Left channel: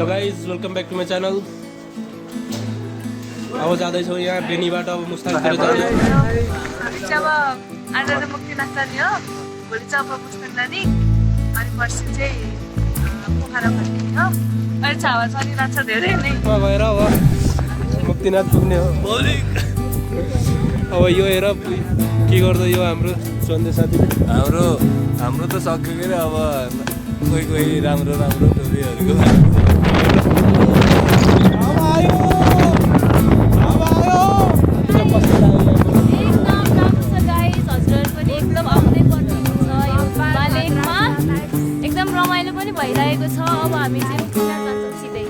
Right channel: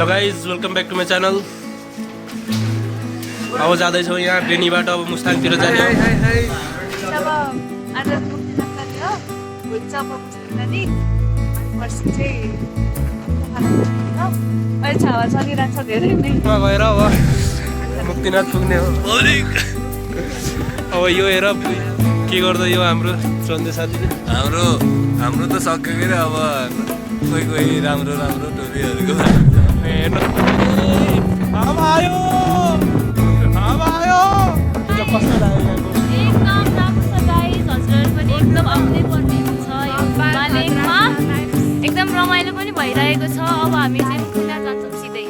Hello guys welcome back to my channel. अब जाँदैछौँ यहाँ बेनीबाट अब मुस्ताङतिर जाने हो। अब आज त मुक्तिनाथ जाने हो, भोलि चाहिँ अब मुस्ताङ जाने अनि पर्सि चाहिँ पोखरा पुग्ने हो। अहिले चाहिँ हावा चलिरहेको छ धेरै नै गएर अब मुक्तिनाथ पुग्ने हो। अब यो हेर के गर्दा यो हाम्रो चन्दे साथीले हाम्रो त सकेको रे। अब कोही राम्रो टोपीहरूको कस्तो लाग्यो यहाँको? एकदम राम्रो छ गाइस, हजुरहरू पनि एकदम आउनै पर्ने छ यो बालेकमा। एकदम रमाइलो पनि भइरहेको छ। अब हामी चाहिँ मुक्तिनाथ जान्छौँ सिधै।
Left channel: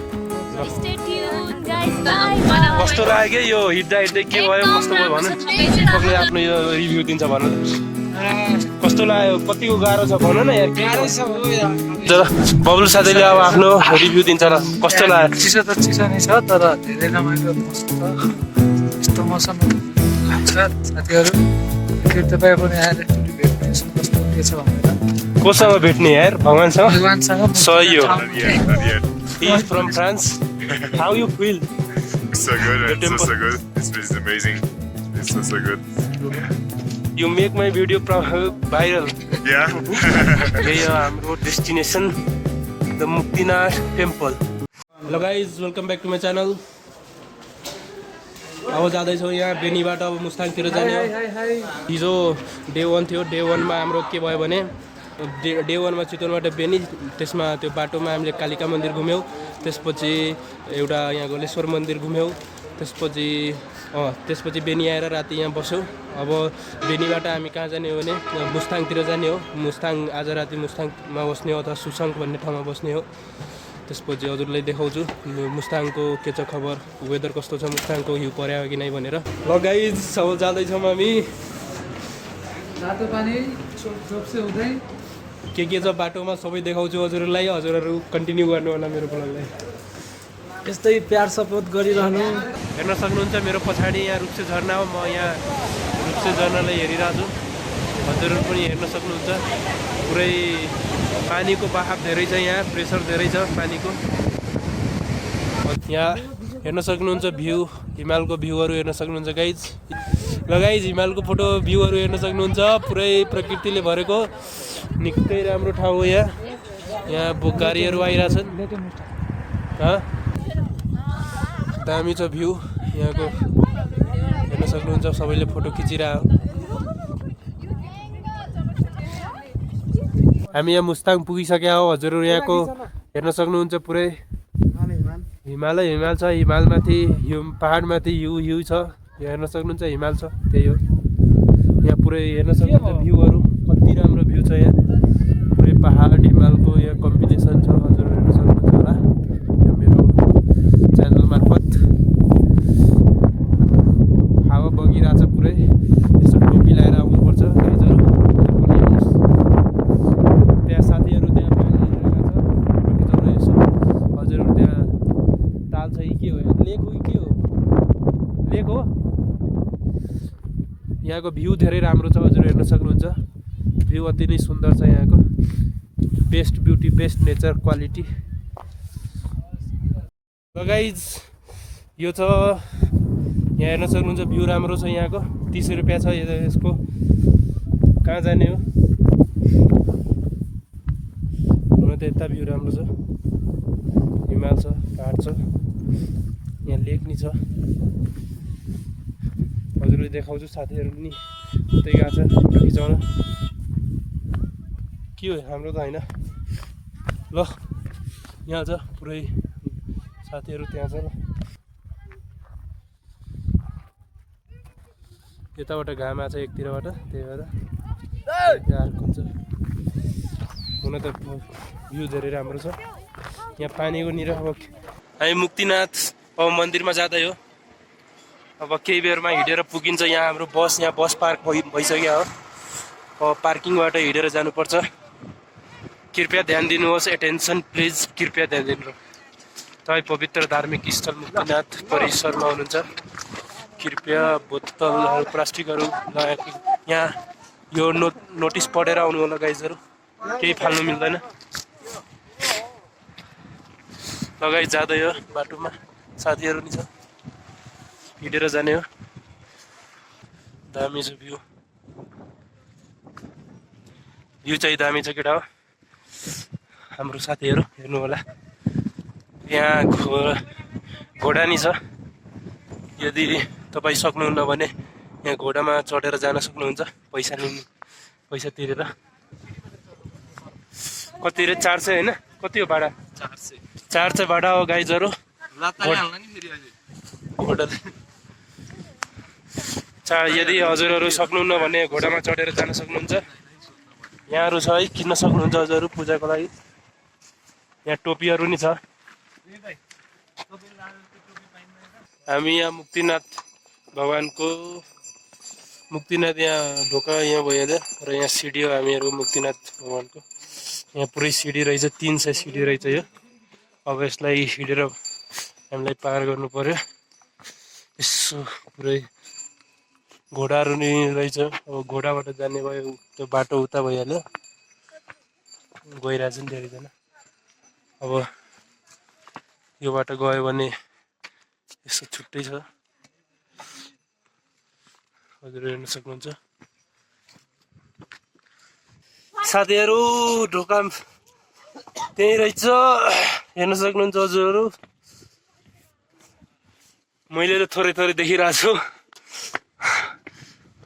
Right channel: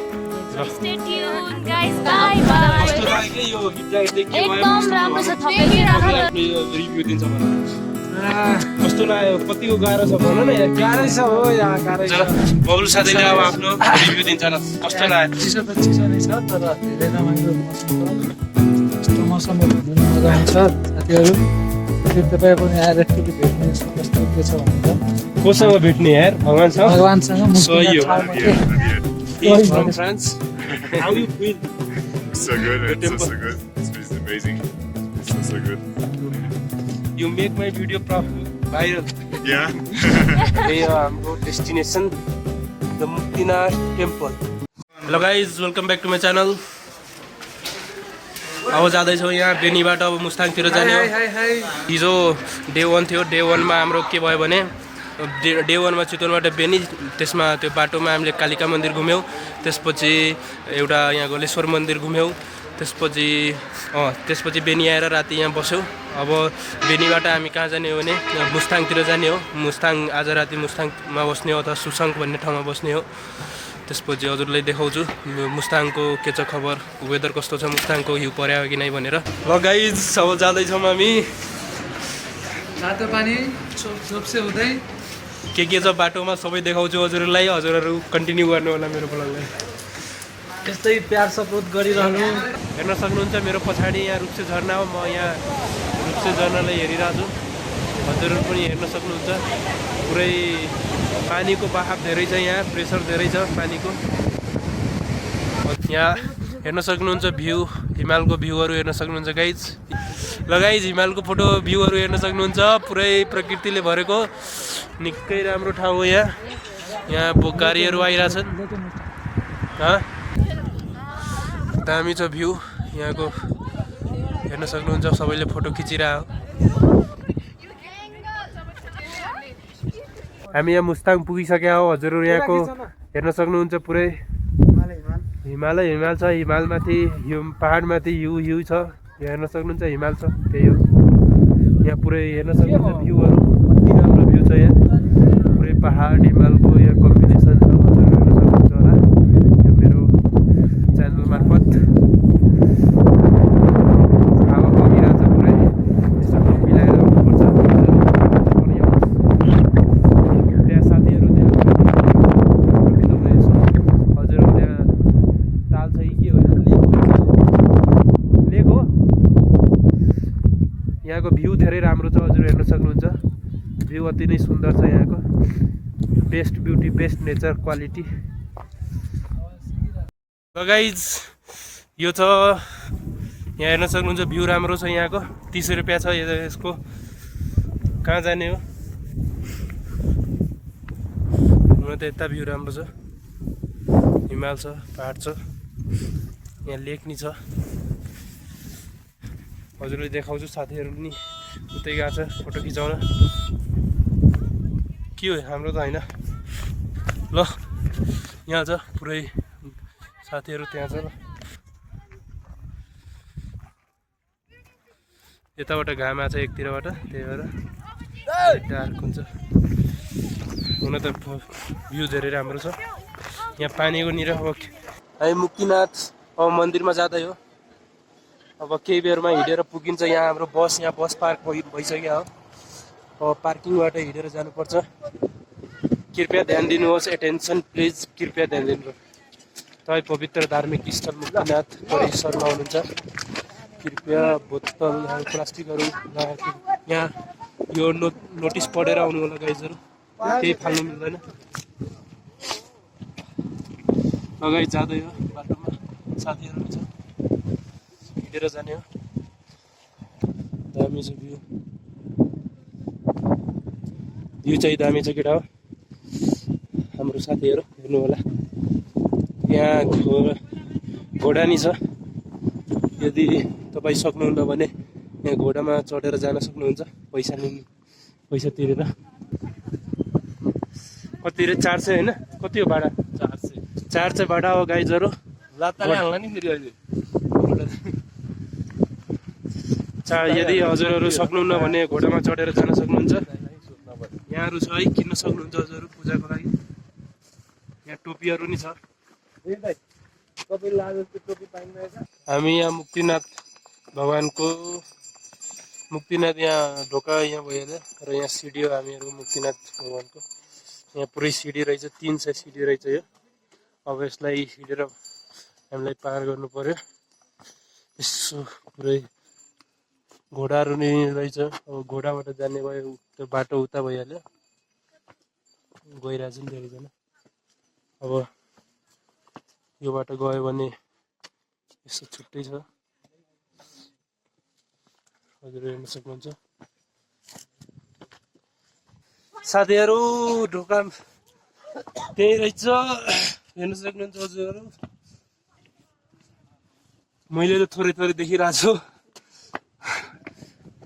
Stay tune guys, bye bye. कस्तो लाग्यो यो हिँड्दा हिँड्दै के भयो कस्तो भयो भन। तपाईँले आफ्नो यो रिभ्यू दिन्छ भन। कस्तो लाग्यो कतिको गाह्रो छ भन न यार। गाह्रै छ हो यहाँ, गाह्रै छ। बबुल साथीले अब आफ्नो रिभ्यू दिन्छ र कस्तो लाग्यो? चिसो त चिसो नै छ, तर धेरै रमाइलो मौसम छ। यस्तो मौसममा घुम्नु मजा आउँछ साथीहरू। फेरि तपाईँ पनि आएर एकचोटि भेट्ने यसो कस्तो के छ भनेर कोसँग भेट्ने यार? भगवानसँग? भगवानसँग So you- ठाउँमा चाहिँ He from France. How you feel? So good, man. So good. It's amazing. It's so good. You make my video viral. Yeah. यही हो हाम्रो destination the Muktinath temple. Hello guys welcome back to my channel. अब जाँदैछौँ यहाँ बेनीबाट अब मुस्ताङतिर जाने हो। हिजो डे 1 थियो। डे 1मा हाम्रो के भयो भने डे 1मा चितवनबाट बेनी, त्यसमा त्यो बाटोमा हामीले कालिका मन्दिर घुम्यौँ। त्यसपछि एउटा यहाँ गलेश्वर मन्दिर घुम्यौँ। त्यसपछि बेनी आएर राति यहाँ बस्यौँ। अब बेनीबाट हामी कहाँ जाने हो भने मुस्ताङतिर जाने हो। मुस्ताङ आज राति मुस्ताङमा बस्ने हो अथवा सुसङ्ग भन्ने ठाउँमा बस्ने हो। त्यसपछि हजुरलाई देखाउँछु मुस्ताङको के छ खबर, वेदर कस्तो छ, मुस्ताङको हिउँ पर्यो कि नै भनेर। ल गाइज अब जाँदैछौँ हामी। रातो पानी चोप्से हुँदै के छ बाटोमा सबै देखाउँछु हजुरहरूलाई। हजुरहरू कन्टिन्यू गर्नु होला मेरो ब्लगलाई। यस्तै प्यार सपोर्ट गरिरहनु। हेर्न सक्नुहुन्छ मेरो पछाडि यहाँ रुप्से झरना हो। म यहाँ रुप्से झरनालाई हेरिरहेको छु। हजुरहरू पनि हेर्न सक्नुहुन्छ। पुरै पानीको बहाव धेरै छ, यहाँ प्रेसर धेरै छ पानीको। यहाँ हेर्न सक्नुहुन्छ भ्यू, हिमालको भ्यूहरू हेर्न सक्नुहुन्छ गाइज। ल गाइज हिमालको फोटो भ्यूहरू हेर्न सक्नुहुन्छ। पुरै प्रकृतिले भरेको निकै राम्रो ठाउँ हो यहाँ। यहाँ गाडीहरू आइरहेछन्। दामी छ भ्यू यहाँको, हेर्न सक्नुहुन्छ। सबैले फोटो खिचिरहेको। हामी यहाँ मुस्ताङ पुगिसक्या हो। हजुरहरू यहाँको हेर्न सक्नुहुन्छ पुरै हिमाल छ। हिमालमाथि पहाडमाथि हिउँ छ। यहाँ हेर्न सक्नुहुन्छ हिमाल छ, त्यही हो। यहाँ पुरै हेर्न सक्नुहुन्छ भ्यूहरू कति राम्रो भ्यू छ यहाँ। पुरै पहाड हिमालको यहाँ कम्बिनेसन छ। हजुरहरू हेर्न सक्नुहुन्छ होला यो मेरो च्यानल मार्फत। हावा बगिरहेछ पुरै। यसो टोपी लगाएर आउनुपर्छ। त्यहाँ साथीहरू त्यहाँ यसो हजुरहरू त्यहाँ ताल छ कि के हो, लेक हो। यहाँको भ्यू धेरै राम्रो छ। हजुर हेर्न सक्नुहुन्छ भ्यू अति नै सुन्दर छ यहाँको। Best beauty, best nature quality. Guys यो छ यहाँ हेर्न सक्नुहुन्छ भ्यू राम्रो छ यहाँको। 30 रुपियाँ छ यसको। कहाँ जाने हो? हुन त यता भ्यू राम्रो छ, हिमाल छ, पहाड छ, यहाँ लेक नि छ। हजुरले देखाउँछु। साथीहरू पनि उतै गएको छ फोटो खिचाउन। के हो हाम्रो त होइन। ल यहाँ छ पुरै साथीहरू त्यहाँ छ। ल यताबाट घाम आएको छ एकतिरबाट, त्यही भएर डार्क हुन्छ। हुन त भ्यू धेरै राम्रो छ यहाँ पानीको निर। अब हामी मुक्तिनाथ अब मन्दिरमा जाँदै हो। अब केही बेरमा हिँडेर पुगिन्छ। यहाँ हाम्रो यहाँ बस पार्क भइसक्यो हो। अब पार्किङबाट हिँडेर जानुपर्छ। कृपया ध्यान दिनुहोस्, एटेन्सन प्लिज, कृपया ध्यान दिनु। तपाईँ पवित्र धार्मिक स्थल मुक्तिनाथ परिसरमा हुनुहुन्छ। कृपया बोतलहरू प्लास्टिकहरू लगाएको यहाँ यो नोटिस पढेर आउनु होला गाइजहरू। केही फाल्नु मिल्दैन। लगाइ जाँदै हो बाटोमा साथीहरू नि छ हिँडेर जाने हो दामी छ भ्यू चाहिँ दामी छ केटा हो हाम्रो साथीहरू हेर्नु होला यहाँ घोडा नि छ यदि तपाईँ सक्नुहुन्न भने यहाँ घोडामा चढेर जान सक्नुहुन्छ पैसा तिरेर कति रे 400 होइन कति हो भाडा 400 भाडा हो गाइजहरू यदि हजुरहरू सक्नुहुन्न भने घोडामा चढेर जान सक्नुहुन्छ यहाँहरू छ है किन्न सक्नुहुन्छ हजुरहरू पूजाको लागि यहाँ टोपीहरू नि छ हामी यहाँ मुक्तिनाथ भगवानको मुक्तिनाथ यहाँ ढोका यहाँ भइहाल्यो र यहाँ सिडी हो हामीहरू मुक्तिनाथ भगवानको यहाँ पुरै सिडी रहेछ 300 सिडी रहेछ यो अब यसलाई हिँडेर हामीलाई पार गर्नु पर्यो यसो पुरै घोडाहरू नि रहेछ अब घोडाबाट जाने भयो त्यो बाटो उता भइहाल्यो गइरहेछ नि धेरैजना अब यो बाटो गयो भने यसो छुट्टै छ हजुर हेर्न सक्नुहुन्छ साथीहरू ढोका त्यही रहेछ हेर्न सक्नुहुन्छ हजुरहरू मैले त थोरै थोरै देखिरहेको छु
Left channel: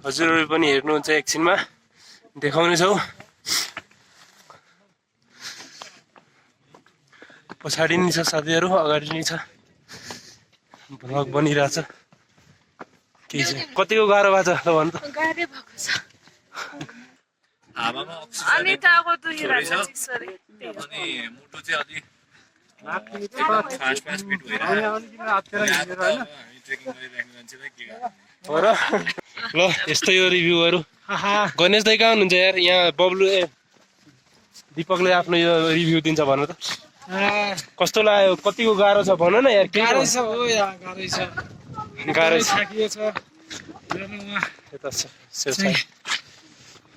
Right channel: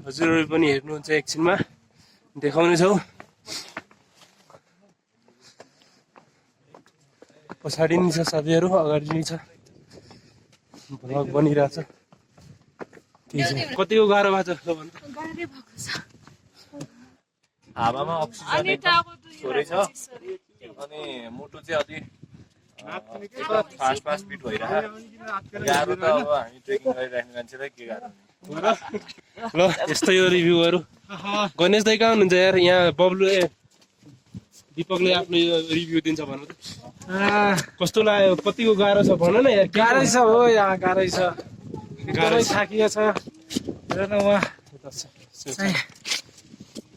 हजुरहरू पनि हेर्नुहुन्छ एकछिनमा देखाउने छौ पछाडि नि छ साथीहरू अगाडि नि छ भ्लग बनिरहेछ के छ कतिको गाह्रो भएको छ ल भन त गाह्रै भएको छ हावामा अनि अक्सिजन टाउको दुखिरहेछ चिसोले अनि मुटु चाहिँ अलि एकदम फास्ट बिट भइरहेको गाह्रो त अब हामी ट्रेकिङ गरिराख्ने मान्छेलाई के गाह्रो र ल यस्तै हो रिभ्यूहरू गणेश दाइ कहाँ हुनुहुन्छ यार यहाँ बब्लु दिपकले आफ्नो यो रिभ्यू दिन्छ भन त कस्तो लाग्यो कतिको गाह्रो छ भन न यार गाह्रै छ हो यहाँ गाह्रै छ गाह्रो छ थाकिएको छ हेर्नु उहाँ यता छ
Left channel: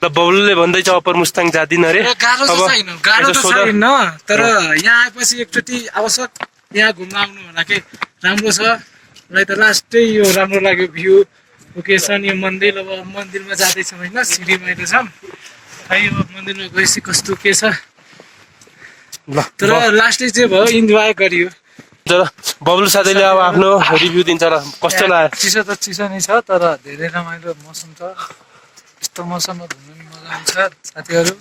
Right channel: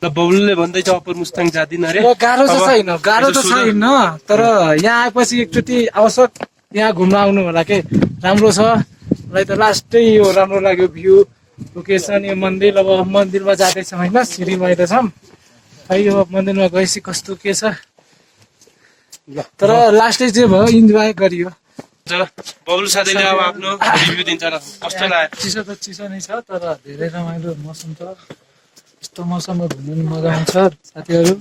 ल बब्लुले भन्दैछ अप्पर मुस्ताङ जादिन अरे गाह्रो त छैन गाह्रो त छैन तर यहाँ आएपछि एकचोटि आवश्यक यहाँ घुम्न आउनु होला के राम्रो छ मलाई त लास्टै यो राम्रो लाग्यो भ्यू लोकेसन यो मन्दिर अब मन्दिरमा जाँदैछौँ होइन सिँढीमा छौँ खै यो मन्दिरमा गएपछि कस्तो के छ ल तर लास्टै चाहिँ भयो इन्जोय गरियो ल बब्लु साथीले अब आफ्नो रिभ्यू दिन्छ ल कस्तो लाग्यो चिसो त चिसो नै छ तर धेरै रमाइलो मौसम छ यस्तो मौसममा घुम्नु नि मजा आउँछ साथीहरू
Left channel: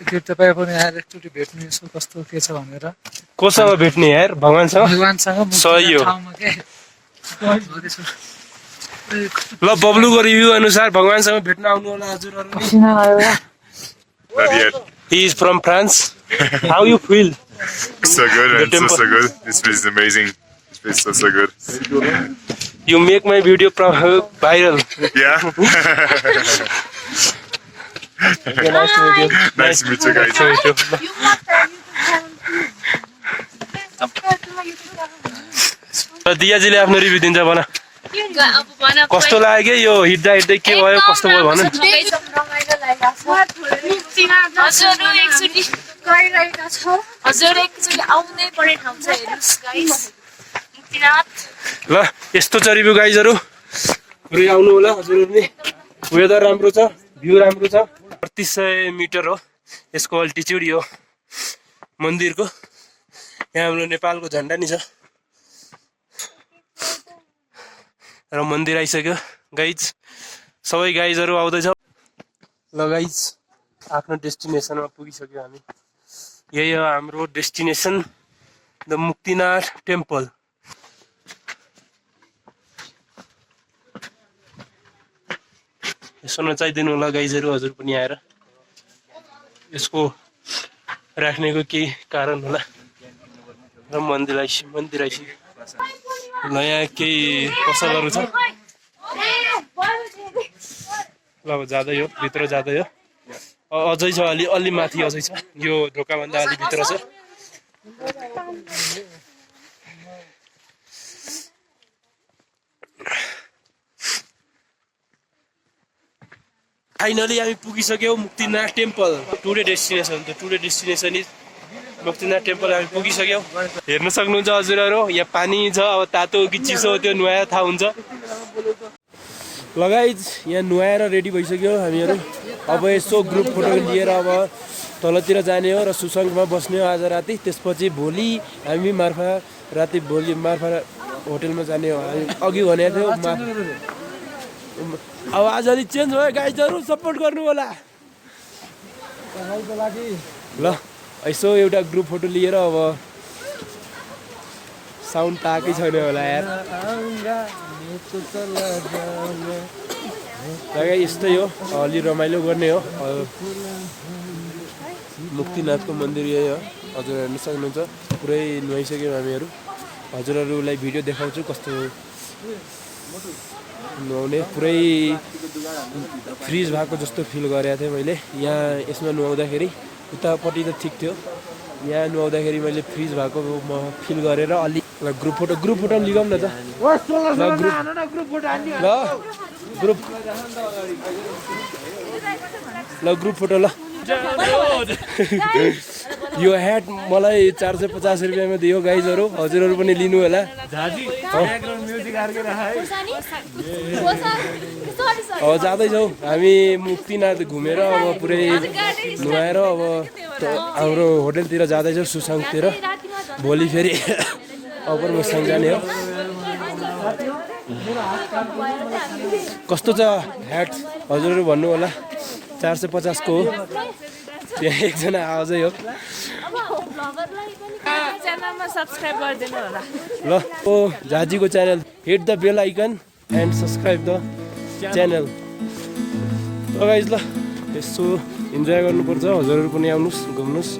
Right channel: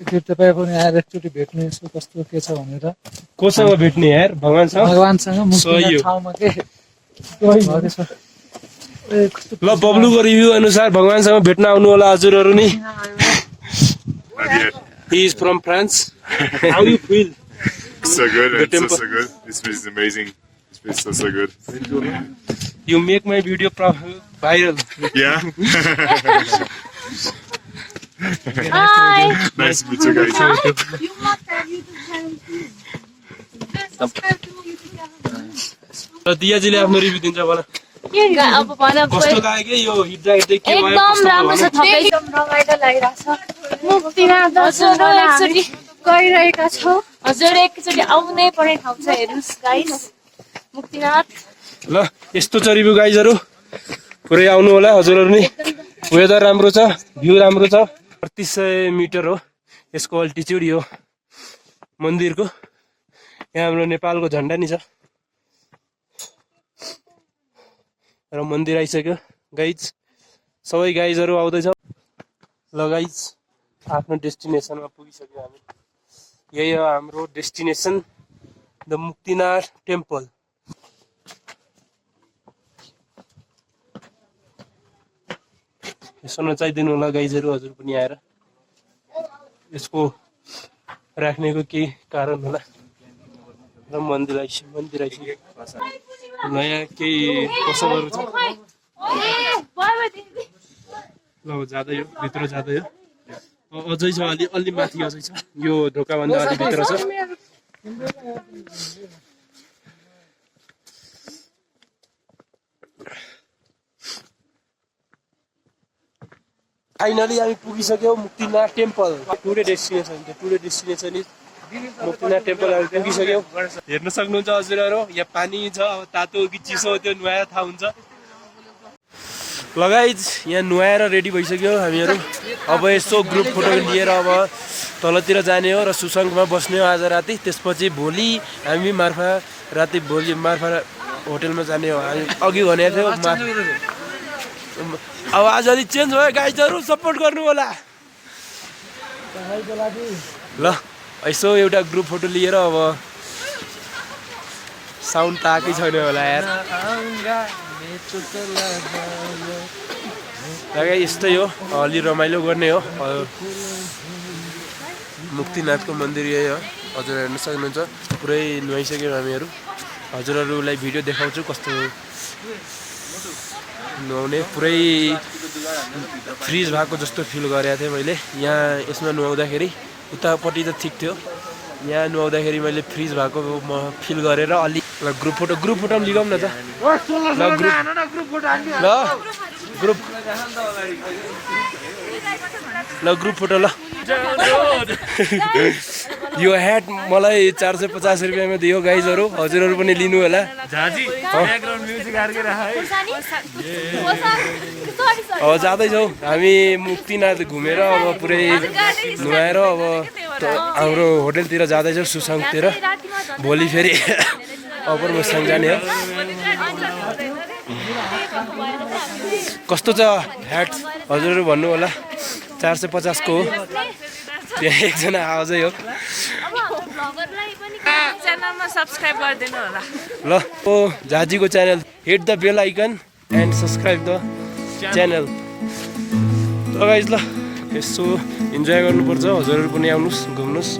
एकचोटि तपाईँ पनि आएर एकचोटि भेट्नु यसो कस्तो के छ भनेर कोसँग भेट्ने यार भगवानसँग भगवानसँग सही हो। ठाउँमा के ल बब्लुको रिभ्यू अनुसार भगवानसँग भेट्न आउनु होला हजुरहरू नि Not yet. He is from France. How you feel? So good, The and temple. so good. This place is amazing. This place is so good. You make my video viral. Yeah. Okay, nice to meet you. Nice to meet you guys. Nice to meet you. ल दियाजीले आफ्नो review दिन्छ भन अब भन कस्तो लाग्यो यो हिँड्दा हिँड्दै के भयो कस्तो भयो भन एकदम रमाइलो लागिरहेको छ एकचोटि गइरहेका छौँ हजुर एकचोटि आउनै पर्ने ठाउँ छ हेर्नुहोस् गाइस मुक्तिनाथ ल यस्तो छ रिभ्यू गाइजहरू पुरै आउनु होला हजुरहरू नि वेदर राम्रो छ भ्यू राम्रो छ 3500 मिटर हो यसको अल्टिच्युड यो मन्दिरको यहाँ हाम्रो नेपालको झन्डा नि छ र मन्दिर आइसक्यो गाइज सबै गाइजहरू आउँदैछ ल गाइज आफ्नो डेस्टिनेसनमा पुगिसक्यो हामी यही हो हाम्रो डेस्टिनेसन द मुक्तिनाथ टेम्पल यसो नचाहिदिनु होला गाइजहरू हजुर पनि आएर यसको राख्नेको केही कारण होला र मन्दिर आइसक्यो ल यहाँ केही पसलहरू छ ल अब जाँदै हो भित्र जाँदै हो अझै छ अलि माथि अझै छ यो ढोकाभन्दा अलि भित्र छ फाइनली हामी पुगिसक्यौँ Muktinath temple today destination is Muktinath temple हामी पुगिसक्यौँ। हेर्न सक्नुहुन्छ हजुरहरू, यहाँ पानी छ। अब तातो कि चिसो त्यो नुहाएर थाहा हुन्छ। लगाइज यहाँ नुहाएर रेडी भइसक्यो हामीहरू। अब यसो ग्रुप फोटो लिएर अब तलतिर जाने हो र सुसङ्गमा बस्ने हो आज राति। त्यसपछि भोलि हामी मार्फा होटेलमा जाने हो। हामी अघि भनेको थियौँ आवाज अलि चेन्ज भयो गाइजहरू, सपोर्ट गर्नु होला ल। यसो एउटा ग्रुप फोटो लिएर अब साउन्ड त आएकै छैन होला यार। यस्तै हो, अलि रमाइलो गर्ने हो। मुक्तिनाथको मन्दिर यही हो, हजुर हेर्न सक्नुहुन्छ। पुरै नुहाइसक्यौँ हामीहरू। हजुरहरूलाई भिडियो देखाउँछु कस्तो नुहाउने। पुरै फ्रिज भएको जस्तो फिल गरेको थिएँ मैले यहाँ यसमा नुहाउँदाखेरि। उतापट्टि त ठिक थियो, यहाँ नुहाउँदाखेरि मैले फ्रिज भएको म फिल गरेर अलि। ल ग्रुप फोटो पनि लिगाउँ न त। ल ग्रुप फोटो ल। यो ह्याट मलाई 450 रुपियाँमा दियो गाइजहरू, हजुरहरू पनि लिनु होला। अब जाँदैछौँ हामी मुक्तिनाथ घुमेर अब पुरै नुहाएर अब हाम्रो होटेलतिर जाँदैछौँ सुसङ्गतिर। भोलि फेरि अप्पर मुस्ताङ जाने हो। कस्तो छ ह्याट हजुरहरू भन्नु होला। 450 को हो। त्यहाँ एकजना आवाजै हो। च्यानलमा सब्सक्राइब गरिदिनु होला ल। ओ झाजीको channel, hit the bell icon and subscribe the channel. ल गाइज ल, यसो इन्जोय गर्नुपर्छ। हजुरहरू पनि आउनुहोस्, घुम्नुहोस्।